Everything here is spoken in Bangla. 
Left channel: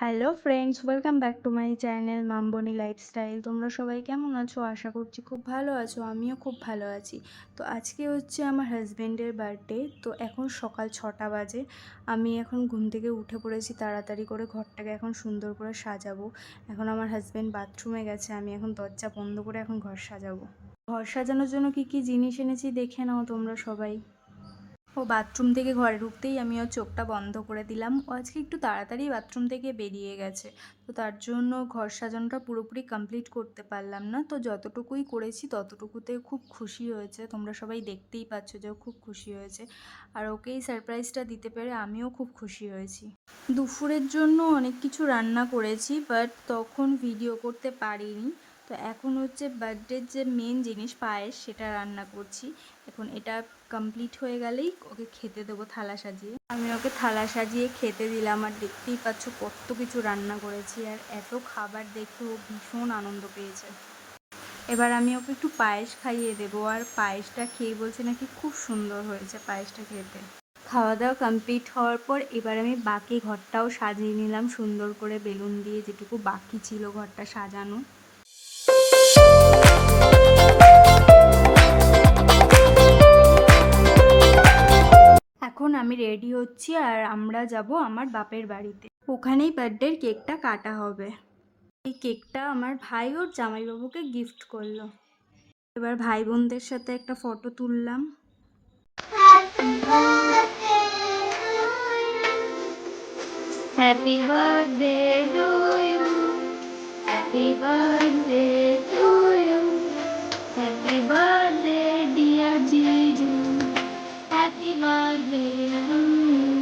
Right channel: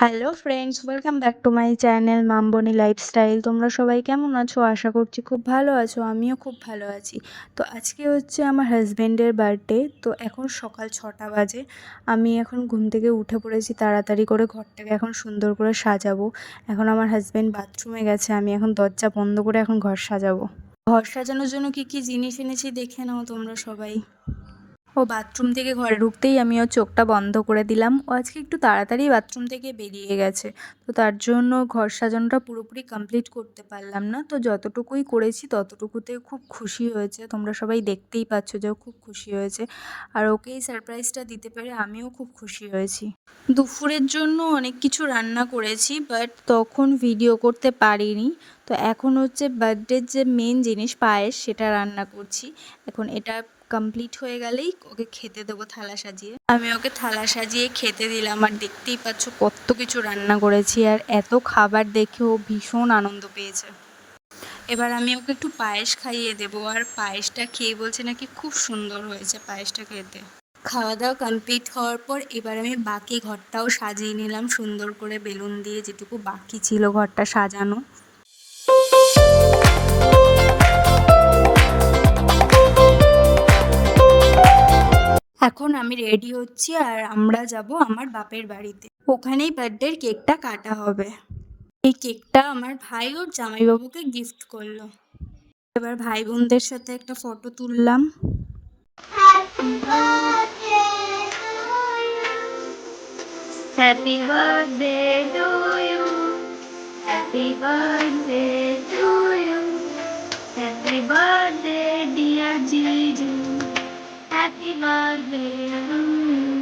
Hello friends, welcome back to my channel Mamboni lifestyle. তোমরা সবাই কেমন আছো? আশা করছি খুব ভালো আছো। আমিও খুব ভালো আছি। তো আজকে হচ্ছে আমার হাজব্যান্ডের বার্থডে। তো এখন সকাল 6টা বাজে। আমি এখন ঘুম থেকে উঠে পড়েছি তাড়াতাড়ি করে, ঘরটাকে এখন সুন্দর করে সাজাবো। এখন আমার হাজব্যান্ড বাথরুমে গেছে, আমি এখন দরজা বন্ধ করে এখন ঘর সাজাবো। ঘর সাজানোর জন্য কি কি জিনিস এনেছি দেখে নাও তোমরা সবাই। ও বাথরুম থেকে ঘরে ঢুকতেই আমি ওর চোখটা বন্ধ করে দিলাম। ও আজকে একটু তাড়াতাড়ি বাথরুম থেকে বেরিয়ে গেছে, তো তার জন্য ঘর সাজানোটা পুরোপুরি কমপ্লিট করতে পারলাম না। তো যতটুকুই করেছি ততটুকুতে খুব খুশি হয়েছে। তোমরা সবাই দেখতেই পাচ্ছ যে ও খুব খুশি হয়েছে, আর ওকেই সারপ্রাইজটা দিতে পেরে আমিও খুব খুশি হয়েছি। দুপুরের জন্য অনেক কিছু রান্না করেছি, বাট তখন ভিডিও করতে পারিনি। তো এখন হচ্ছে বার্থডের যে মেন জিনিস পায়েস, সেটা রান্না করছি। এখন এটা কমপ্লিট হয়ে গেলেই ওকে খেতে দেবো থালা সাজিয়ে। আমি ওকে থালা সাজিয়ে খেতে দিলাম, আর দেখতেই পাচ্ছ কত কিছু রান্না করেছি, আর এত খাবার দেখে ও ভীষণ আনন্দ পেয়েছে। এবার আমি ওকে একটু পায়েস খাইয়ে দেবো, আর পায়েসটা খেয়ে বলছে নাকি খুব সুন্দর হয়েছে পায়েসটা খেতে। খাওয়া দাওয়া কমপ্লিট হওয়ার পর এবার আমি বাকি ঘরটাও সাজিয়ে নিলাম সুন্দর করে বেলুন দিয়ে, যেটুকু বাকি ছিল ঘরটা সাজানো। এখন আমি রেডি হচ্ছি, আর আমরা যাব আমার বাপের বাড়িতে। ওখানেই বার্থডের কেকটা কাটা হবে। এই কেকটা আমার ভাই ওর জামাইবাবুকে গিফট করলো। এবার ভাই বোনদের সাথে একটা ফটো তুললাম। Happy birthday to you. Happy birthday to you. Happy birthday, dear Gigi. Happy birthday to you.